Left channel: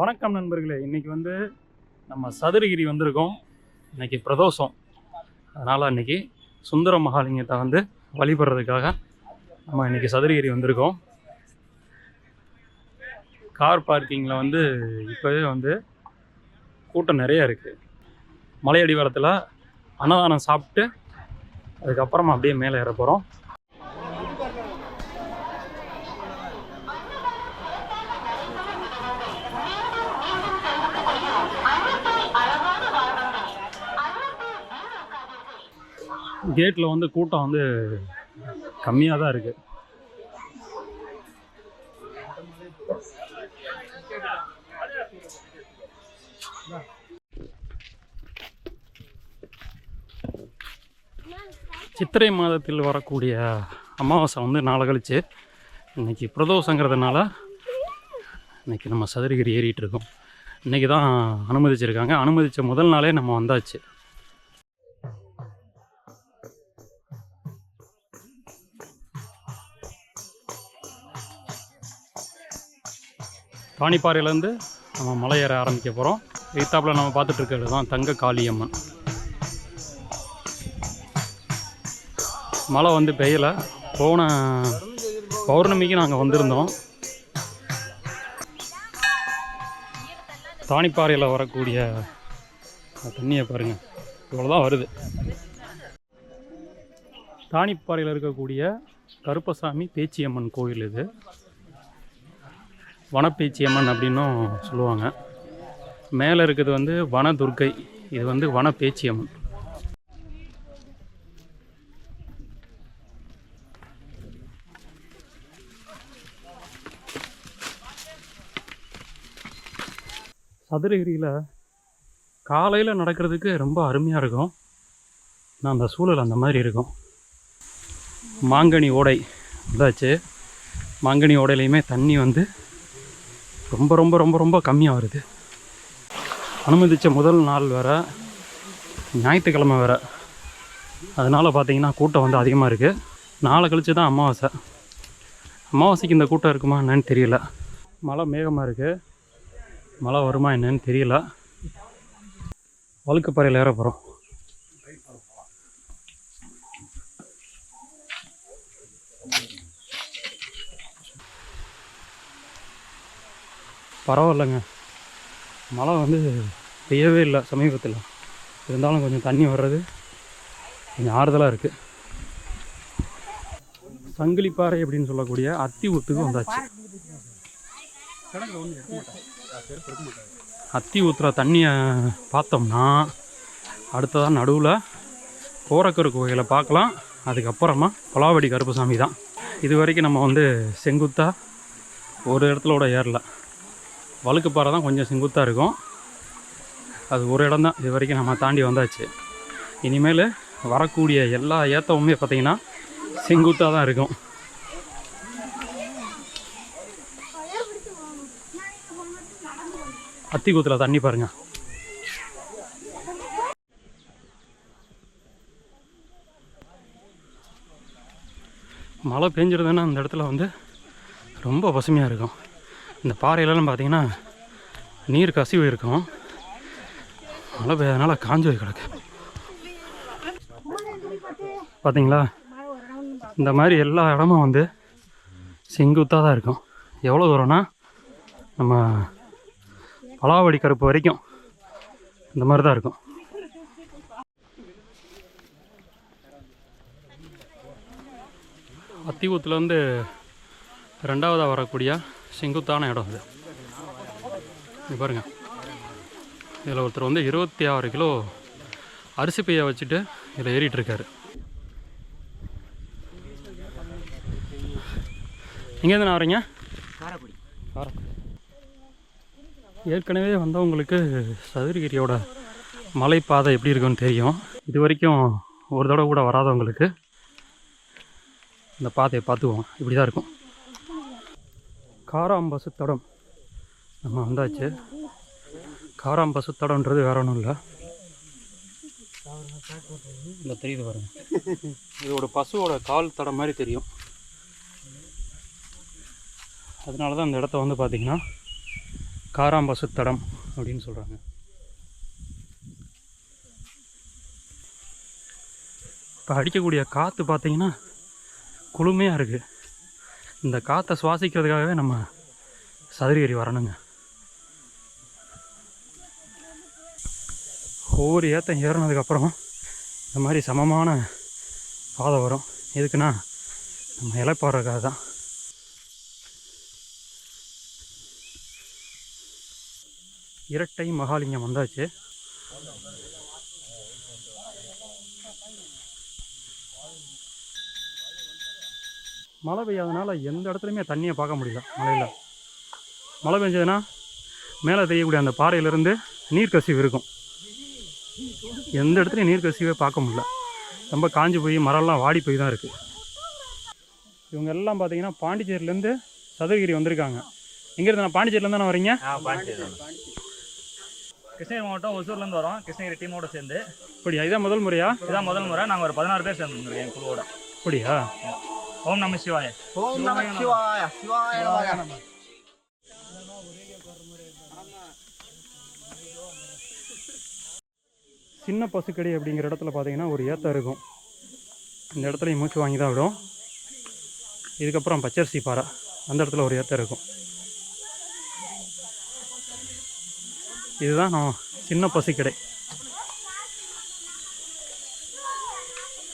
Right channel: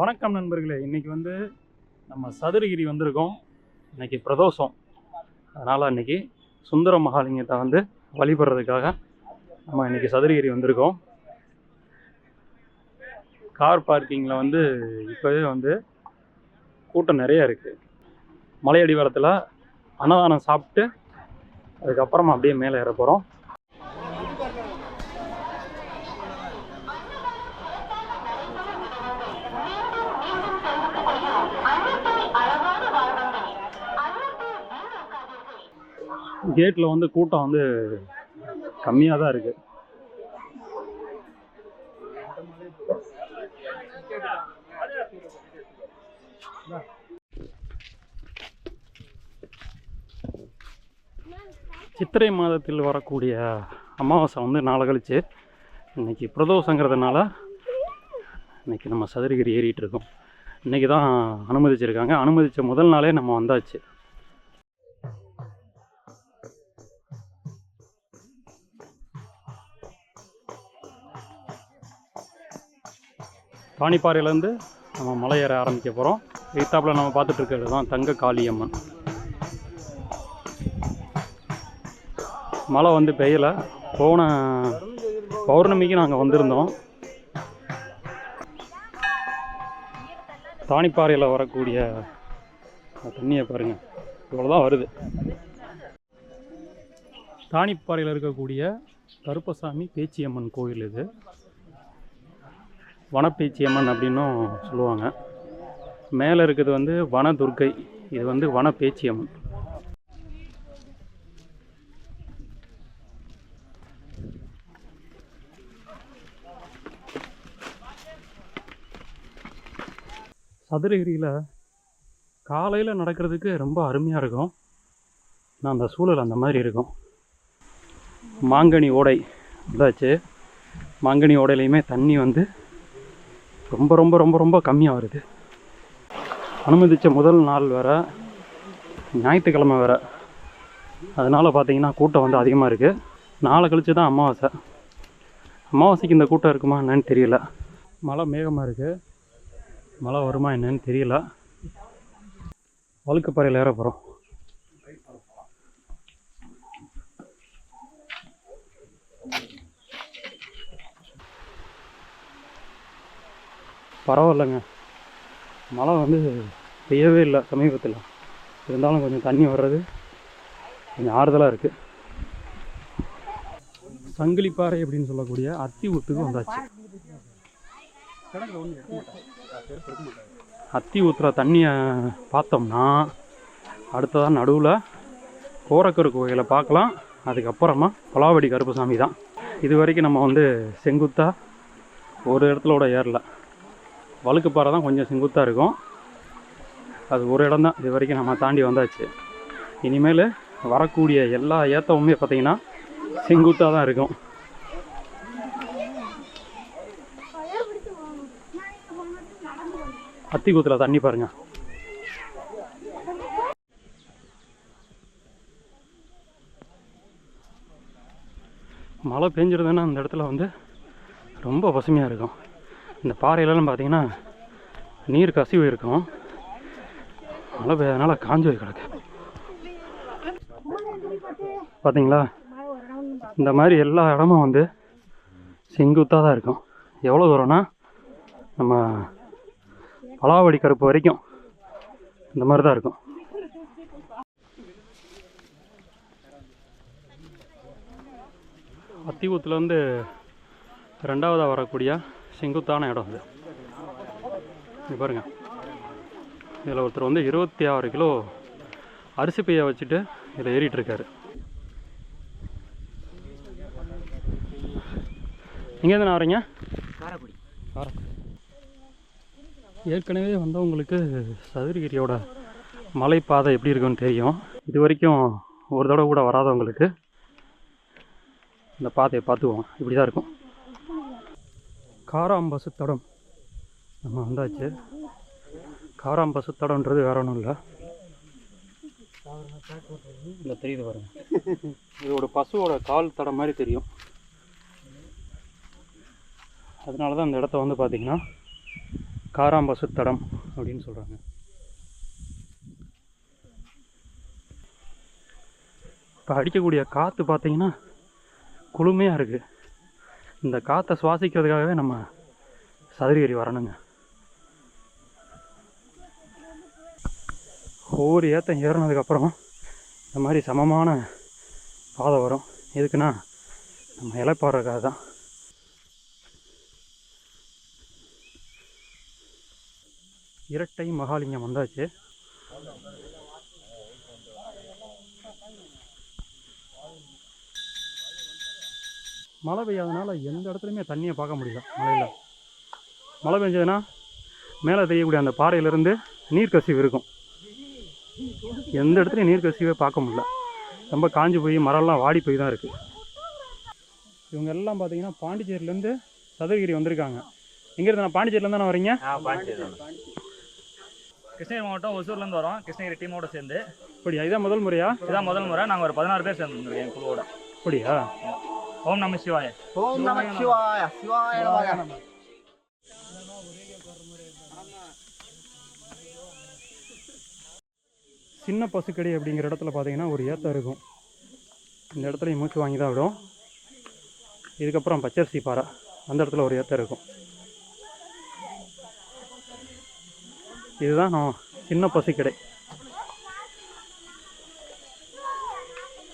வணக்கம் நண்பர்களே. இன்றைக்கி வந்து நம்ம சதுரகிரி வந்திருக்கோம். இன்னைக்கு பிரதோஷம். அதனால் இன்றைக்கி சுந்தர மகாலிங்கத்தை வந்து வழிபடுறதுக்காக நம்ம இன்னைக்கு சதுரகிரி வந்திருக்கோம். கார் பார்க்கிங்கில் வந்து இப்போவே வந்து கூட்டம் நிறைய இருக்குது மலையடிவாரத்தில் அன்னதானம் சாப்பிட்டு அதுக்கப்புறமா அப்படியே மேலே ஏற போகிறோம் கேட்டில் வந்து கூட்டம் வந்து கம்மியாக தான் இருக்குது சித்திரை மாதத்தில் வரக்கூடிய அமாவாசை வந்து நாளை கழிச்சு. இன்னைக்கு பிரதோஷங்கிறதுனால இன்னைக்கு நம்ம சதுரகிரி ஏறிட்டு இருக்கோம். இன்னைக்கு தான் அனுமதிச்சிருக்காங்க. அனுமதித்த முதல் நாளே நம்ம வந்தாச்சு. ராணிப்பாறையிலேருந்து நம்ம மலை ஏற ஆரம்பிக்க போகிறோம் எய்த்தாப்பில் நம்ம பார்த்துட்டு தான் தங்க காளியம்மன். மழை வந்து பெய்யலை. போன பௌர்ணமிக்கு நாங்கள் வந்திருந்தோம். தானிப்பாறையில் வரக்கூடிய தண்ணியை பாருங்கள் இவ்வளோதான் வருது. தானிப்பாறையில் இருக்கக்கூடிய கருப்பசாமி பேச்சியம்மன் கோயில் இது. வனப்பேச்சியம்மன் அப்படின்னும் சொல்லுவாங்க. மேலே இருக்கிறது வந்து வனதுர்க்கை இது வந்து வனப்பேச்சியம்மன். சதுரகிரியில் காலையில் நடக்கிறதுக்கு ரொம்ப அருமையாக இருக்கும். நான் அந்த சூழல் அந்த மாதிரி இருக்கும். மாங்கனி ஓடை வந்தாச்சு. மாங்கனி ஓடையிலையுமே தண்ணி வந்து ரொம்ப ரொம்ப ரொம்ப ரொம்ப கம்மியாக வருது. அனுமதித்த முதல் நாள் வேறு ஞாயிற்றுக்கிழமை வேறு அதனால் பார்த்திங்கன்னா கூட்டம் வந்து அதிகமாக இருக்குது நாளை கழிச்சு தான் அமாவாசை. அமாவாசைக்கு இந்த கூட்டம் இருக்குமா என்னன்னு தெரியல. மழை மேகமாக இருக்குது மழை வருமா என்னன்னு தெரியல. வழுக்குப்பாறையில் ஏற போகிறோம் பரவாயில்லைங்க. மழை வந்து பெய்யவே இல்லை சமீபத்தில். இருந்தாலும் கொஞ்சம் தண்ணி வர்றது கொஞ்சம் ஆறுதலாக இருக்குது சங்கிலிப்பாறை அப்படின்னு சொல்லக்கூடிய அத்தி ஊத்துக்கு வந்தாச்சு. அத்தி ஊற்றுற தண்ணியை பார்த்தோம்னா அடுத்ததான் நடுவில் கோரக்கரு கோயிலை பார்க்கலாம். அதுக்கப்புறமா பலாவடி கருப்புசாமி தான். இது வரைக்கும் நம்ம வந்து செங்குத்தாக ஒரு இடத்துல கூட ஏறல. வழுக்குப்பாறை தான் கொஞ்சம் செங்குத்தாக இருக்கும். அது ஒரு இடம் தான். இது வரைக்கும் நம்ம தாண்டி வந்தாச்சு. இனிமேல் வரக்கூடிய எல்லா ஏத்தமுமே பார்த்திங்கன்னா செங்குத்தாக தான் இருக்கும். அத்திக்கூத்தில் தண்ணி பாருங்க. மழை பெஞ்சிருதுன்னா அந்த இடத்துல வந்து ரொம்ப பசுமையாக இருக்கும். இந்த பாறையிலலாம் பார்த்தீங்கன்னா நீர் கசிவு இருக்கும். மழை பெய்யறதுனால காஞ்சு போய் கிடக்கு. பார்த்தீங்களா? இந்த மாதிரி எல்லா இடமும் வந்து செங்குத்தாக தான் இருக்கும். எவ்வளோ தூரம்னா நம்ம பலாவடி கருப்பு வரைக்கும் இந்த மாதிரி தான் இருக்கும். அத்தியூத்துலேருந்து ரெண்டாவதாக வரக்கூடிய செங்குத்தான இடம் இது இது பாருங்க. இதில் ஒருத்தர் வந்து இருபத்தி ஆறு கிலோ அரிசி பையை வச்சுட்டு இதில் ஏறிட்டு இருக்காரு எங்கேருந்து நான் வரீங்க. காரைக்குடி. காரைக்குடி. ஏற்கனவே வந்தவங்களுக்கு சதுரகிரியோட மலைப்பாதை எப்படி இருக்குன்னு தெரியும். இது வரைக்கும் ஒரு தடவை கூட வராதவங்களுக்கு இந்த பாதையை பார்த்துக்குவோம். இப்படி தான் இருக்கும். காராம்பசு தடம் நம்ம வந்தாச்சு. காராம்பசு தடம்ன்றது வேற ஒன்றும் இல்லை. இல்லை தெரியுது பாருங்க. இதோட பசுவோட கால் தடம் மாதிரி தெரியும். அதனால தான் அந்த இடத்த வந்து பார்த்திங்கன்னா காராம்பசு தடம் அப்படின்னு சொல்கிறாங்க இப்போ அடிக்கக்கூடிய காற்று பார்த்தீங்கன்னா குளுமையாக இருக்குது இந்த காற்றை சுவாசிக்கிறதுக்காகவே நம்ம சதுரகிரி வரணுங்க. ஒவ்வொரு ஏற்றம் ஏறினதுக்கப்புறம் இந்த மாதிரி சமமான பாதை வரும். எதுக்குன்னா நம்ம இலைப்பாடுறதுக்காக தான். இரட்டை மகாலிங்கம் வந்தாச்சு. மழை பெய்யாதனால எந்த இடத்துலையுமே தண்ணியை பார்க்க முடியல மழையில். மழை பெஞ்சதுன்னா மேலே தெரியக்கூடிய அந்த பாறையிலேருந்து நீர்க்கசிவு இருக்கும். எந்த இடத்துலையும் நீர்க்கசிவே பார்க்க முடியல. ரொம்ப காஞ்சு போய் மரம்லாம் வாடி போய் தான் இருக்குது இவங்க எல்லாம் பார்த்தீங்கன்னா பாண்டிச்சேரியிலேருந்து சதுரகிரி வந்திருக்காங்க. எங்கேருந்து நான் பாண்டிச்சேரியிலேருந்து தானே வரீங்க? கிருஷ்ணகிரி மாவட்டம் ஒசூர்லேருந்து வரோம். கிருஷ்ணகிரி டீமோட சேர்ந்து. அப்படியா? இதான் முதல் முறையா? இதான் முதல் முறை. நாங்கள் ஒரு பதினாறு பேர் சேர்ந்துருக்கோம் என் குழுவோட. அப்படியா? ஓம் நம சிவாய. ஓம் நம சிவாய சிவாய நமக சின்ன பசுக்கடி அப்படிங்கிற இடத்துல பார்த்தீங்கன்னா ஒரு ஏத்தம் இருக்கும். இந்த இடத்துல மூச்சு வாங்கி தான் விடும். இதுக்கப்புறம் பச்சரிசி பாறை. அந்த இடத்துல ஒரு ஏத்தம் இருக்கும். இதுதான் நான் சின்ன பசுக்கடை.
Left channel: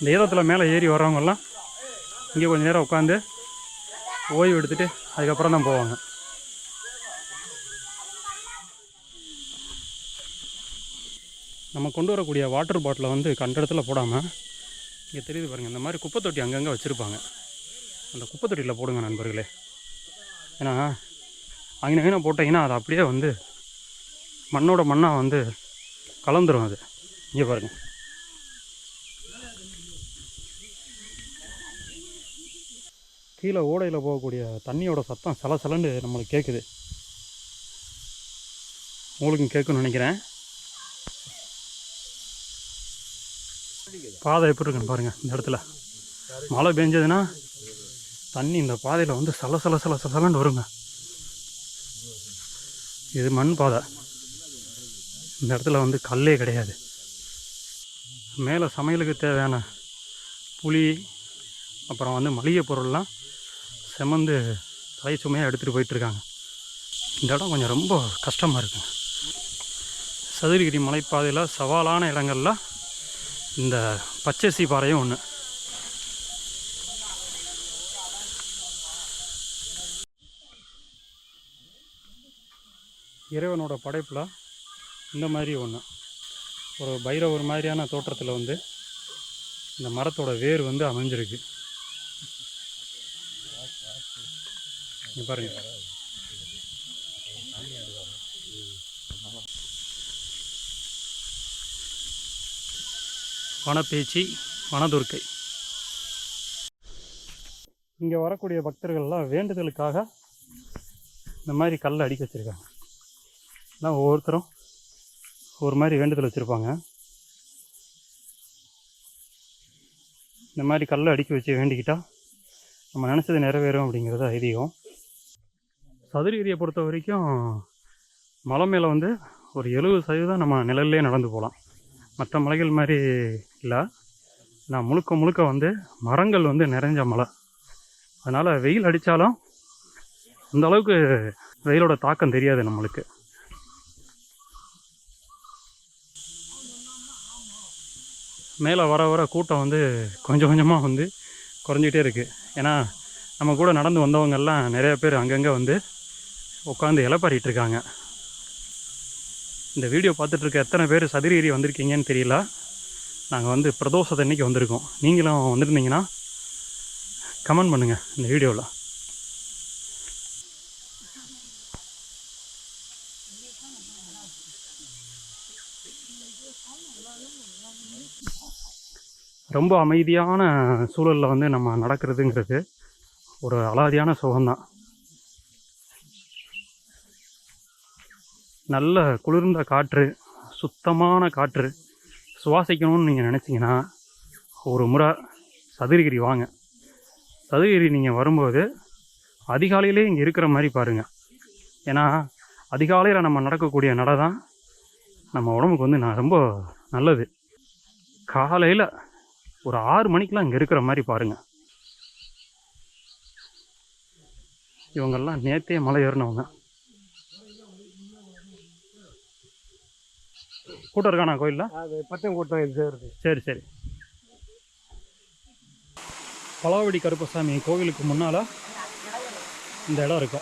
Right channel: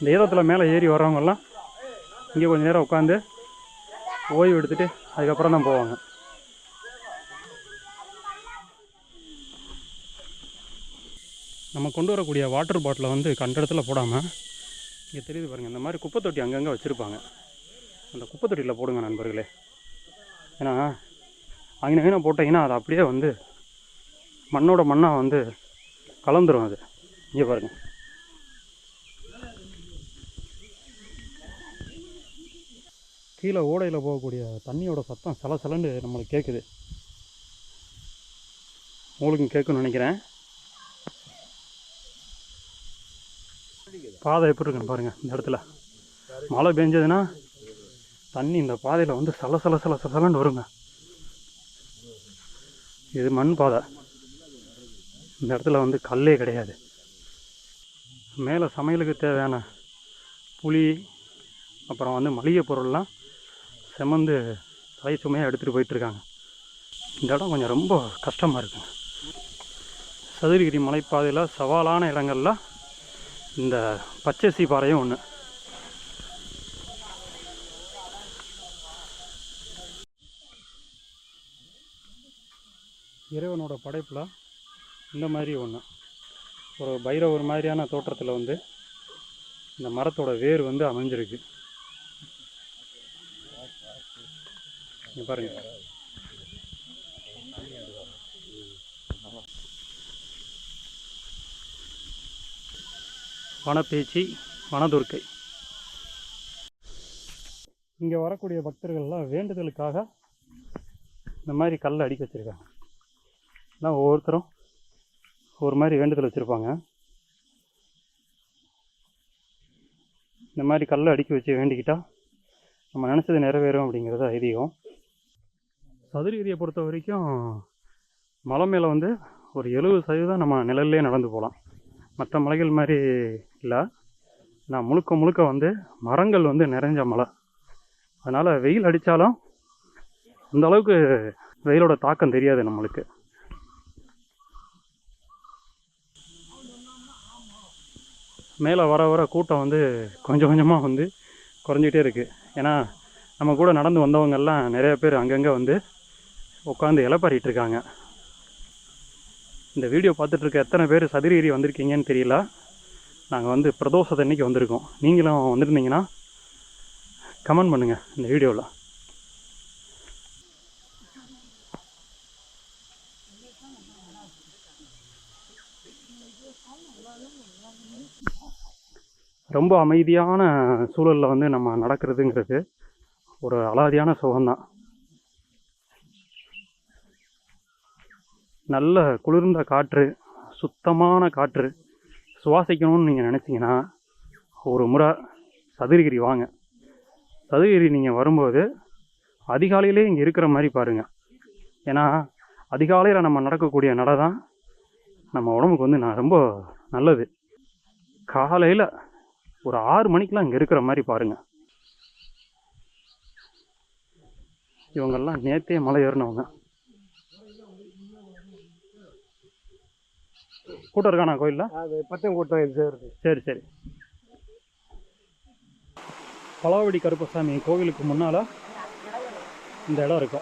இந்த ஏதத்தில் மேலே ஏறி வர்றவங்கெல்லாம் இங்கே கொஞ்சம் நேரம் உட்காந்து ஓய்வு எடுத்துகிட்டு அதுக்கப்புறம் தான் போவாங்க. நம்ம கொண்டு வரக்கூடிய வாட்டர் பாட்டிலை வந்து கண்ட இடத்துல போடாமல் இங்கே தெரியுது பாருங்கள் இந்த மாதிரி குப்பை தொட்டி அங்கங்கே வச்சுருப்பாங்க. அந்த குப்பை தொட்டியில் போடுங்க நண்பர்களே. ஏன்னா அங்கே வீணாக போட்டிங்கன்னா அது அப்படியே வந்து மண்ணோட மண்ணாக வந்து கலந்துரும் அது. இங்கே பாருங்கள் கீழே ஓடையில் போகக்கூடிய தண்ணியோட சத்தம் சலசலன்னு நம்மளுக்கு கேட்குது உங்களுக்கும் கேட்குன்னு நினைக்கிறேன். பாதை எப்படி இருக்குன்னு பாருங்கள் இந்த இடத்துல. மழை பெஞ்சதுன்னா தண்ணி இந்த பாதையில் வந்து சல சல சல சலன்னு வருங்க. இது மண் பாதை. இந்த இடத்துல வந்து கல்லே கிடையாது. மேலே சமையலுக்கு தேவையான புளி அப்புறம் வந்து மளிகை பொருள்லாம் செமந்து தலை சுமையாக எடுத்துகிட்டு போயிட்டுருக்காங்க. இந்த இடம் கொஞ்சம் ரொம்ப கஷ்டமாக இருக்குங்க. சதுரகிரி மலைப்பாதையில் சவாலான இடங்களில் இந்த பச்சரிசி பாறையும் ஒன்று இறைவனோட படைப்பில் இந்த மாதிரி ஒன்று ஒரு பைரவர் மாதிரியான தோற்றத்தில் வந்து இந்த மரத்தோட வேர் வந்து அமைஞ்சிருக்கு. இங்க பாருங்க வனப்பேச்சி வனதுர்க்கை. இங்கே வரக்கூடிய பக்தர்கள்லாம் வேண்டுதலுக்காக இந்த மாதிரி கல்லை அடிக்க வச்சுருக்காங்க. நான் ஒவ்வொருத்தரும் ஒரு மாதிரி வேண்டுதல் வச்சுருப்பாங்க. இந்த மாதிரி கல்லை அடிக்க வச்சு வேண்டிக்கிட்டால் நம்ம நினச்சது நிறைவேறும் அப்படிங்கிறது ஐதீகம். சதுரகிரியை பொறுத்த வரைக்கும் மலை மேலே வந்து ஒரு எழுபது சதவீதம் நம்ம நிழல்லே நடந்து போகலாம். மற்ற மலைகள் மாதிரி இல்லை. நான் முழுக்க முழுக்க வந்து மரங்கள் வந்து நிறைஞ்ச மலை. அதனால் வெயில் அடித்தாலும் அந்த அளவுக்கு வெயிலோட தாக்கம் தெரியாது நம்மளுக்கு. மேலே வர வர கூட்டம் வந்து கொஞ்சம் கொஞ்சமாக வந்து குறைஞ்சிட்டே இருக்குது ஏன்னா நம்ம கூட நடந்து வந்தவங்கெல்லாம் நிறைய பேர் அங்கங்கே வந்து உட்காந்து இலைப்பாரிட்டு இருக்காங்க இந்த வீடியோ பார்த்துட்ருக்க எத்தனை பேர் சதுரகிரி வந்திருக்கீங்கன்னு தெரியல. நாங்கள் வந்து பிரதோஷத்தன்னைக்கு வந்திருக்கோம். நீங்களும் வந்திருந்தீங்கன்னா கமெண்ட் பண்ணுங்கள் இந்த வீடியோவில். ரொம்ப அமைதியான சூழலில் வந்து நம்ம நடக்கிறதுங்கிறது ஒரு அலாதியான சுகம்தான். நல்ல குளிர்ந்த காற்று சுத்தமான காற்று சுவாசிக்கணும்னு நீங்கள் நினச்சிங்கன்னா ஒரு முறை சதுரகிரி வாங்க. சதுரகிரி நீங்கள் வரும்போது அதிகாலையிலே இங்கே இருக்கிற மாதிரி பாருங்கள் ஏன்னா அதிகாலையில் நம்ம நடக்கக்கூடிய நடை தான் நம்ம உடம்புக்கு வந்து நான் ரொம்ப நல்லது. காலையில் ஒரு ஆறு மணிக்கெலாம் இங்கே இருக்கிற மாதிரி பாருங்கள் இவங்கெல்லாம் நேத்தே மலை ஏறினவங்க. கூட்டம் இருக்காண்ணா கோயிலில்? அது பத்தம் கூட்டம் இது இருக்கு சரி சரி. பலாவடி கருப்பசாமி கோவிலுக்கு முன்னால் இந்த இடம் இருக்கு.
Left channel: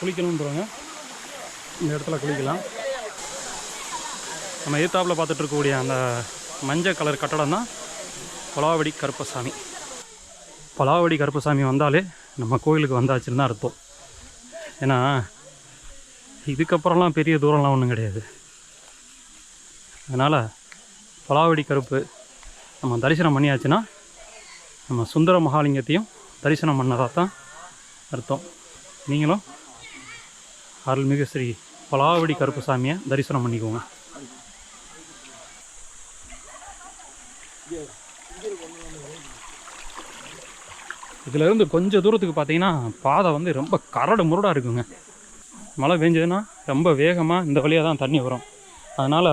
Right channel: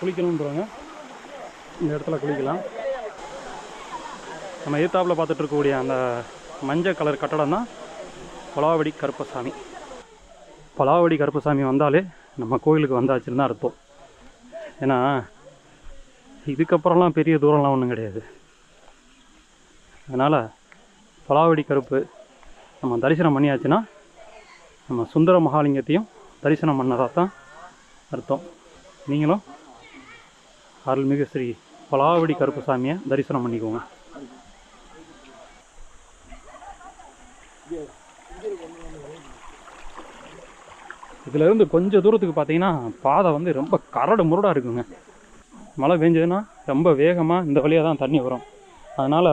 குளிக்கணுன்றவங்க இந்த இடத்துல குளிக்கலாம். நம்ம எதிர்த்தாப்பில் பார்த்துட்டு இருக்கக்கூடிய அந்த மஞ்சள் கலர் கட்டடம் தான் பலாவடி கருப்பசாமி. பலாவடி கருப்பசாமி வந்தாலே நம்ம கோயிலுக்கு வந்தாச்சுன்னு தான் அர்த்தம். ஏன்னா இதுக்கப்புறம்லாம் பெரிய தூரம்லாம் ஒன்றும் கிடையாது. அதனால் பலாவடி கருப்பு நம்ம தரிசனம் பண்ணியாச்சுன்னா நம்ம சுந்தர மகாலிங்கத்தையும் தரிசனம் பண்ணதாக தான் அர்த்தம். நீங்களும் அருள்மிகு ஸ்ரீ பலாவடி கருப்புசாமியை தரிசனம் பண்ணிக்கோங்க. இதிலேருந்து கொஞ்சம் தூரத்துக்கு பார்த்தீங்கன்னா பாதை வந்து ரொம்ப கரடு முரடாக இருக்குங்க. மழை பெஞ்சதுன்னா ரொம்ப வேகமாக இந்த வழியாக தான் தண்ணி வரும். அதனால்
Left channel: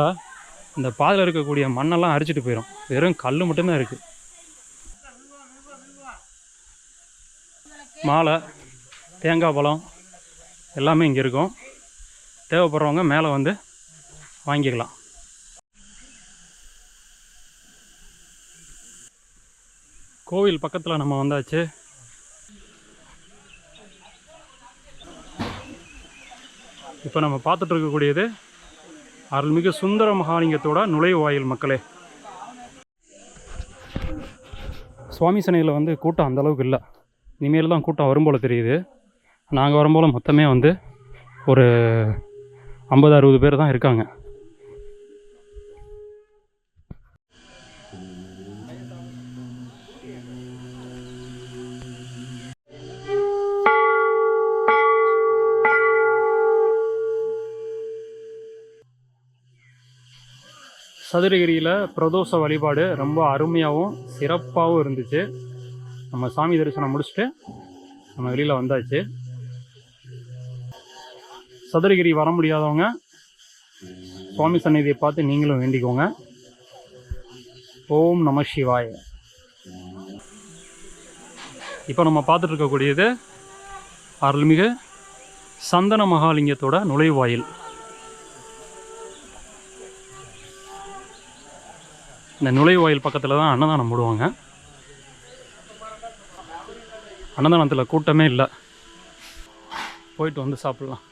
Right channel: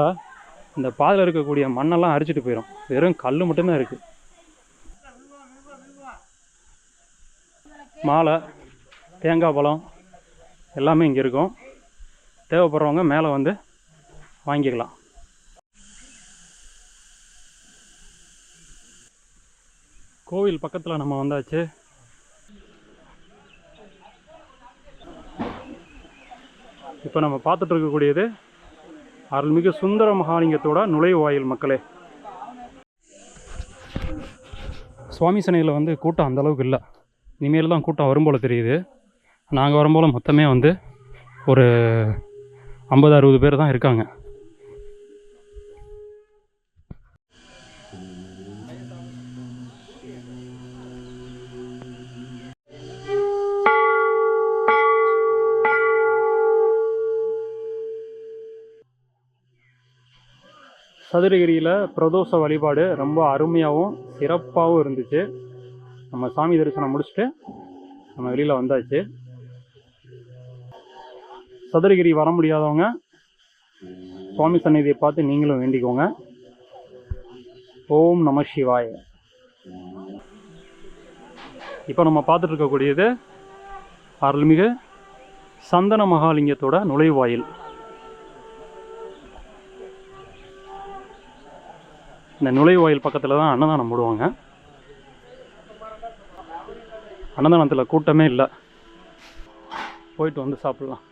இந்த பாதையில் இருக்கக்கூடிய மண்ணெல்லாம் அரிச்சிட்டு போயிடும் வெறும் கல் மட்டும்தான் இருக்குது மாலை தேங்காய் பழம் எல்லாமே இங்கே இருக்கும். தேவைப்படுறவங்க மேலே வந்து வாங்கிக்கலாம். கோவில் பக்கத்தில் நம்ம வந்தாச்சு. இப்போ நம்ம பார்த்துட்டு இருக்கக்கூடியது அருள்மிகு சுந்தர மகாலிங்கத்தோட நுழைவாயில் மக்களே. சுவாமி சனையில் வந்து கூட்டம் அந்தளவுக்கு இல்லை. இனிமேல் தான் கூட்டம் வரும் போல் தெரியுது. நாங்கள் வரும்போல் மொத்தமே வந்து ஒரு ஐம்பது அறுபது பேர் தான் இருக்காங்க. சதுரகிரியில் பிரதோஷ வழிபாடு ரொம்ப அருமையாகவும் சிறப்பாகவும் இருந்துச்சு. நம்ம சாமி தரிசனம் முடிச்சுட்டு நம்ம வெளியில் வந்தாச்சு. சதுரகிரி வர முடியாதவங்க சுவாமி சந்நிதியை பார்த்து நீங்களும் வேண்டிக்கோங்க. ஓம் நம சிவாய. இப்போ நம்ம பார்த்துட்டு இருக்கக்கூடியது அருள்மிகு சந்தன மகாலிங்கத்தோட நுழைவாயில். இந்த நுழைவாயில் பக்கத்தில் தான் அன்னதானம் போடுவாங்க. அன்னதானத்தில் கூட்டமே இல்லை. போயிட்டு வந்து சாப்பிட்லாம்.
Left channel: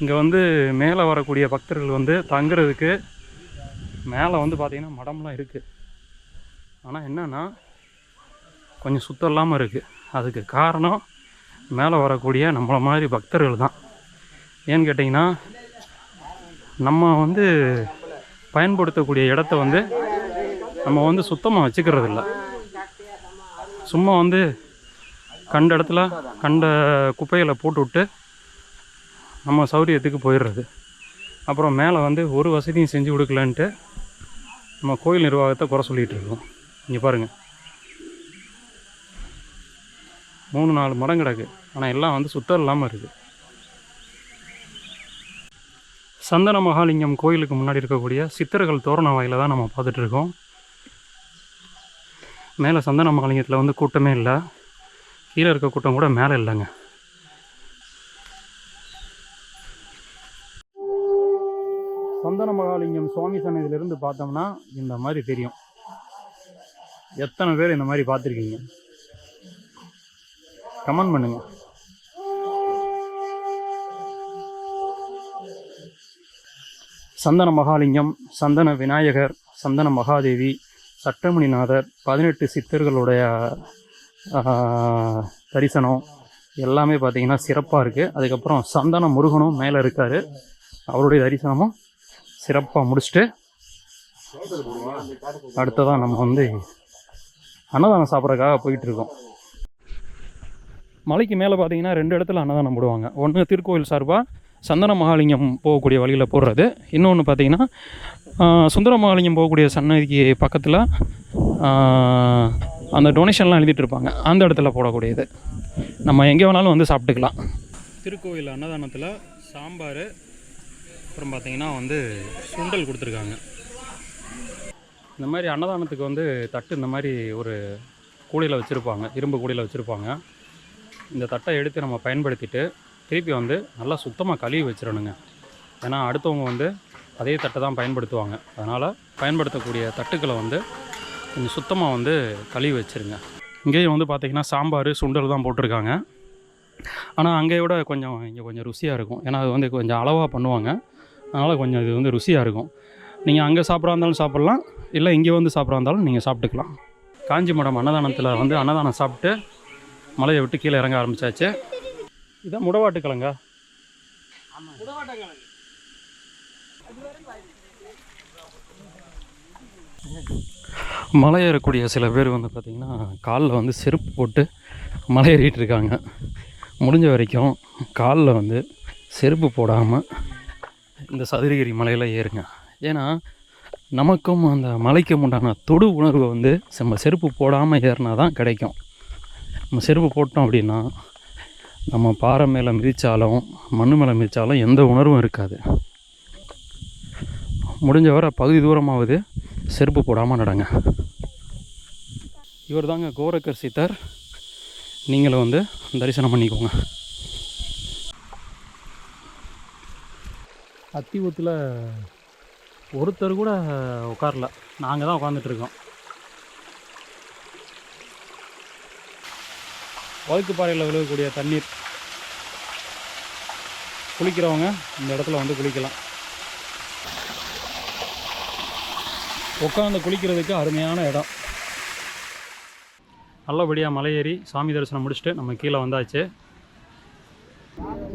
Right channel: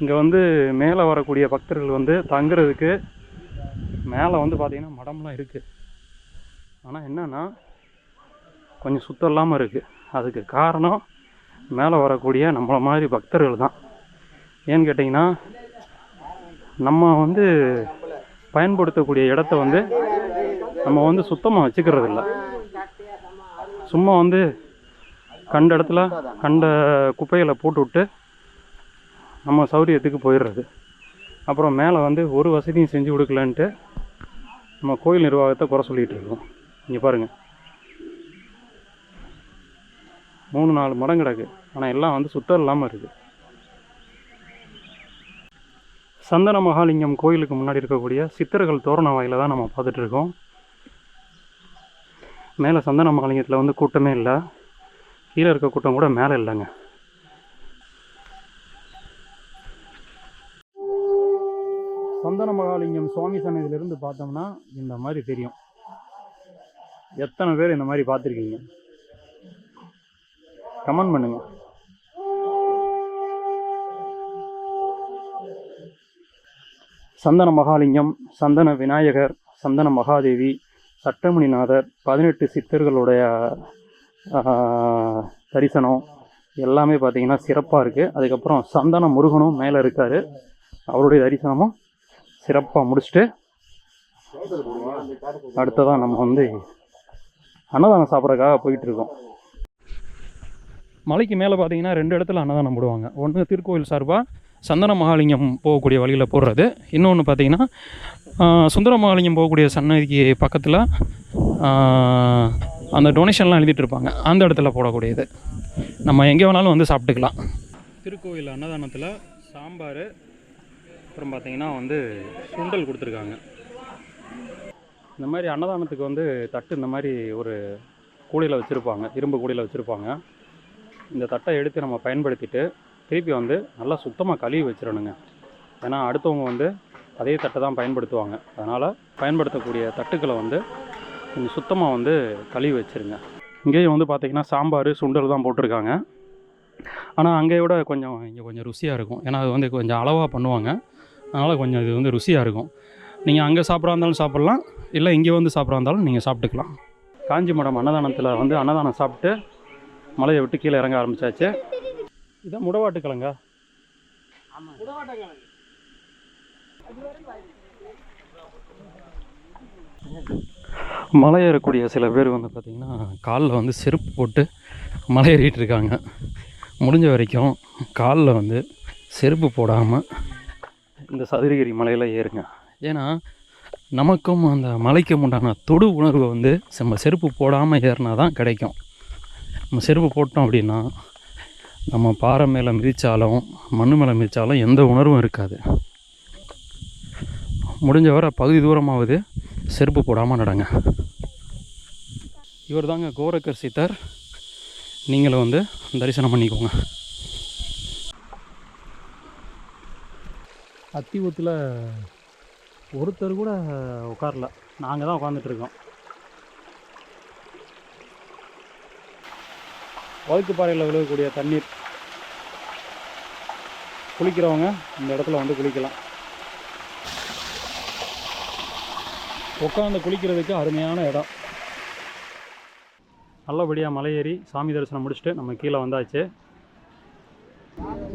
இங்கே வந்து மேலே வரக்கூடிய பக்தர்கள் வந்து தங்குறதுக்கு மேலே வந்து பார்த்திங்கன்னா மடம்லாம் இருக்குது ஆனால் என்னன்னா கொஞ்சம் சுத்தம் இல்லாமல் இருக்குது அதுக்கு காரணம் மேலே வரக்கூடிய நம்மளை மாதிரி பக்தர்கள் தான். ஏன்னு கேட்டிங்கன்னா நம்ம வந்து பயன்படுத்தக்கூடிய இடத்த வந்து நம்ம வந்து சுத்தமாக வச்சுக்கிறது இல்லை சும்மா வந்து கண்ட இடத்துல கண்ட குப்பைகளை போட்டு விட்டு நம்ம சௌரியத்துக்கு போயிடுறது. அப்புறம் மேலே வந்து ஒரு வசதியும் செஞ்சு கொடுக்கலன்ட்டு நம்ம கோயில் நிர்வாகத்தை குறை சொல்லிகிட்டு இருக்கோம். இங்கே பாருங்கள் மூணு நாலு மரம் கிடக்கு. ஆனால் எல்லாம் வந்து சுத்தம் இல்லாமல் இருக்குது சந்தன மகாலிங்கம் கோயிலுக்கு முன்னாடி இருக்கக்கூடிய சித்தர்கள் தோரண வாயில் தான் நம்ம பார்த்துட்டு இருக்கோம் மேலே சந்தன மகாலிங்கத்தில் வந்து கூட்டமே இல்லை. கீழே இருக்க கூட்டம் கூட மேலே இல்லைங்க. சந்தன மகாலிங்கம் சுவாமி சன்னதியிலிருந்து பார்த்தோம்னா இந்த மாதிரி தெரியும். எத்தனை பேர் இந்த மாதிரி பார்த்துருக்கீங்க? கமெண்ட் பண்ணுங்கள் சந்தன மகாலிங்கம் சந்தன விநாயகர் சந்தன மகாதேவி சட்டமணிநாதர் பதினெட்டு சித்தர்களுடைய தரிசனம் எல்லாமே பார்த்திங்கன்னா சிறப்பாக இருக்குது அதுக்கப்புறம் சந்தன முருகனும் மேலே இருக்கார். அவருடைய தரிசனமும் சிறப்பாக முடிச்சுட்டு அடுத்ததான் நம்ம வந்து அன்னதானம் சாப்பிட்றதுக்காக போயிட்டுருக்கோம் மலைக்கு மேலே பார்த்தீங்கன்னா ரெண்டு இடத்துல அன்னதானம் போடுவாங்க. ஒன்று திருக்கோயில் சார்பாக சந்தன மகாலிங்கம் போகக்கூடிய வழியில் போடுறது இன்னொன்று பார்த்தீங்கன்னா சுந்தர மகாலிங்கம் போகக்கூடிய சன்னதிக்கு பக்கத்தில் அந்த டொனேஷன்லாம் எழுதிட்டு இருப்பாங்க அந்த இடத்துல போடக்கூடியது. நம்ம எங்கே வேணாலும் வந்து சாப்பிட்டுக்கலாம். திருக்கோயில் அன்னதானத்தில் சாம்பார் அப்புறம் பார்த்திங்கன்னா வந்து சுண்டல் கொடுத்துருக்காங்க. இந்த மாதிரி அன்னதானத்துக்கு வந்து தட்டு இந்த மாதிரி ஒரு கூடையில் வச்சுருப்பாங்க இரும்பு கூடையில் வச்சுருப்பாங்க. இந்த தட்டை எடுத்து நம்ம பயன்படுத்திட்டு திருப்பி வந்து நல்லா சுத்தமாக கழுவி வச்சிடணுங்க. ஏன்னா அடுத்தவங்க வந்து அதே தட்டை தான் பயன்படுத்துவாங்க. அதனால் பயன்படுத்தக்கூடிய தட்டுக்களை வந்து கொஞ்சம் சுத்தமாக வந்து கழுவி வச்சிருங்க. இங்கேயும் வந்து பார்த்திங்கன்னா சாம்பார் சுண்டல் தான் போட்டிருக்காங்க. ஆனால் அங்கே விட கொஞ்சம் இங்கே கொஞ்சம் ருசியாக இருக்கும். ஏன்னா அது வந்து கொஞ்சம் அளவாக பண்ணுவாங்க. அதனால் கொஞ்சம் இது வந்து ருசியாக இருக்கும். நீங்கள் அங்கே சாப்பிட்றா இருந்தாலும் சாப்பிட்லாம். இல்லை இங்கே வந்து சாப்பிட்றா இருந்தாலும் நீங்கள் சாப்பிட்டுக்கலாம். காஞ்சி மடம் அன்னதானத்தில் வந்து அன்னதானம் சாப்பிட்டு மலையை விட்டு கீழே இறங்க ஆரம்பிச்சாச்சு. இதான் முடவாட்டு கிழங்கா மலை ஏறக்கூடிய சில பேர் வந்து பார்த்திங்கன்னா காலில் வந்து செருப்பு போட்டு மலை ஏறிட்டு இருக்காங்க. முடிஞ்ச வரைக்கும் காலில் வந்து செருப்பு போடாமல் இந்த சதுரகிரி மலையில் ஏறுங்க. ஏன்னா நமக்கும் அந்த மலைக்கும் உண்டான தொடு உணர்வு வந்து நம்ம செருப்பு போடாமல் ஏறினா தான் கிடைக்கும். நம்ம செருப்பு போட்டோம் அப்படின்னா நம்ம பாறை மேலே மிதித்தாலும் மண் மேலே மிதித்தாலும் எந்த உணர்வும் இருக்காது. முடிஞ்ச வரை பகுதி தூரமாவது செருப்பு போடாமல் நடங்க. இவர் தாங்க கோரக்கர் சித்தர். நீங்களும் வந்து தரிசனம் பண்ணிக்கோங்க. அத்திவூத்தில் ஒருத்தர் கூட உட்காரல. நாங்கள் தான் உட்காந்துட்ருக்கோம் வழுக்கு பாறையில் விழுகக்கூடிய தண்ணீர் குளிக்கிறவங்க இந்த இடத்துல வந்து குளிக்கலாம். உட்காந்து குளிக்கிறதுக்கு அருமையான இடம். நல்லபடியாக மலை ஏறி சாமி தரிசனம் முடிச்சுட்டு நம்ம கீழே வந்தாச்சு.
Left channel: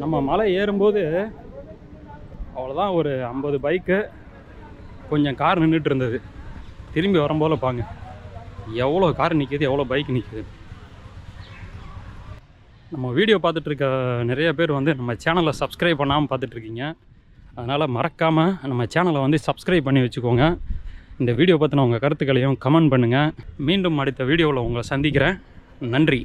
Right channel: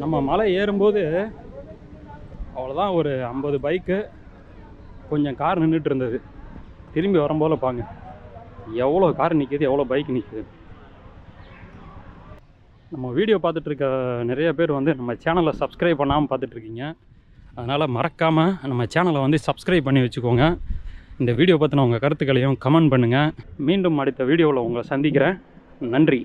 நம்ம மலை ஏறும்போது அவ்வளோதான் ஒரு ஐம்பது பைக்கு கொஞ்சம் கார் நின்றுட்டு இருந்தது. திரும்பி வரும்போது பாங்க எவ்வளோ கார் நிற்கிது எவ்வளோ பைக் நிற்கிது நம்ம வீடியோ பார்த்துட்ருக்க நிறைய பேர் வந்து நம்ம சேனலை சப்ஸ்கிரைப் பண்ணாமல் பார்த்துட்ருக்கீங்க. அதனால் மறக்காமல் நம்ம சேனலை வந்து சப்ஸ்கிரைப் பண்ணி வச்சுக்கோங்க. இந்த வீடியோ பற்றின உங்கள் கருத்துக்களையும் கமெண்ட் பண்ணுங்கள் மீண்டும் அடுத்த வீடியோவில் உங்களை சந்திக்கிறேன். நன்றி.